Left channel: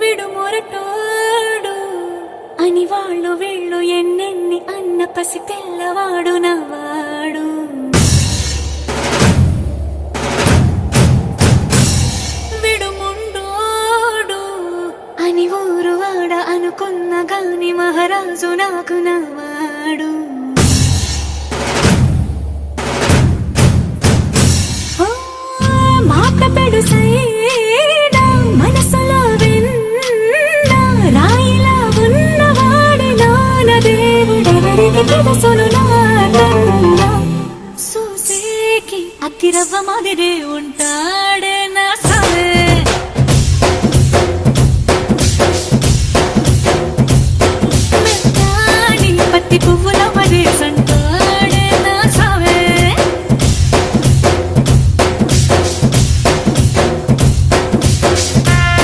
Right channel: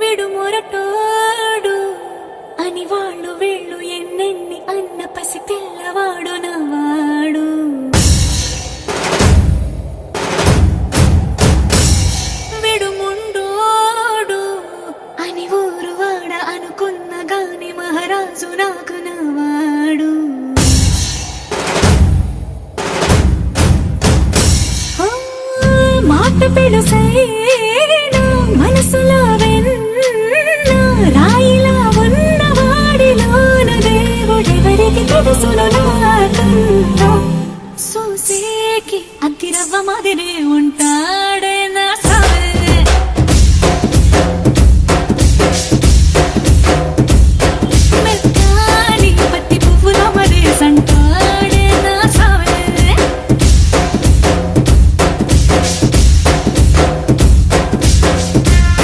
విడు మొరటోడు అని వాళ్ళు వీళ్ళు ఎన్నెన్ని అన్న పసి పిల్లవాడు నవ్వాడు. విడు ముండోడు అని ఊరు వాడ అనుకున్న గాని మహారాజు నాకు నవ్వాడు. మాట పెడుసైనా మనసులో వెన్న రాయిలా ఉన్నవాడిలోన దేవుడెవరికి తెలుసును నాకన్నా. సూసేకి అగ్గిరవ్వ మాదిరే ఉంటా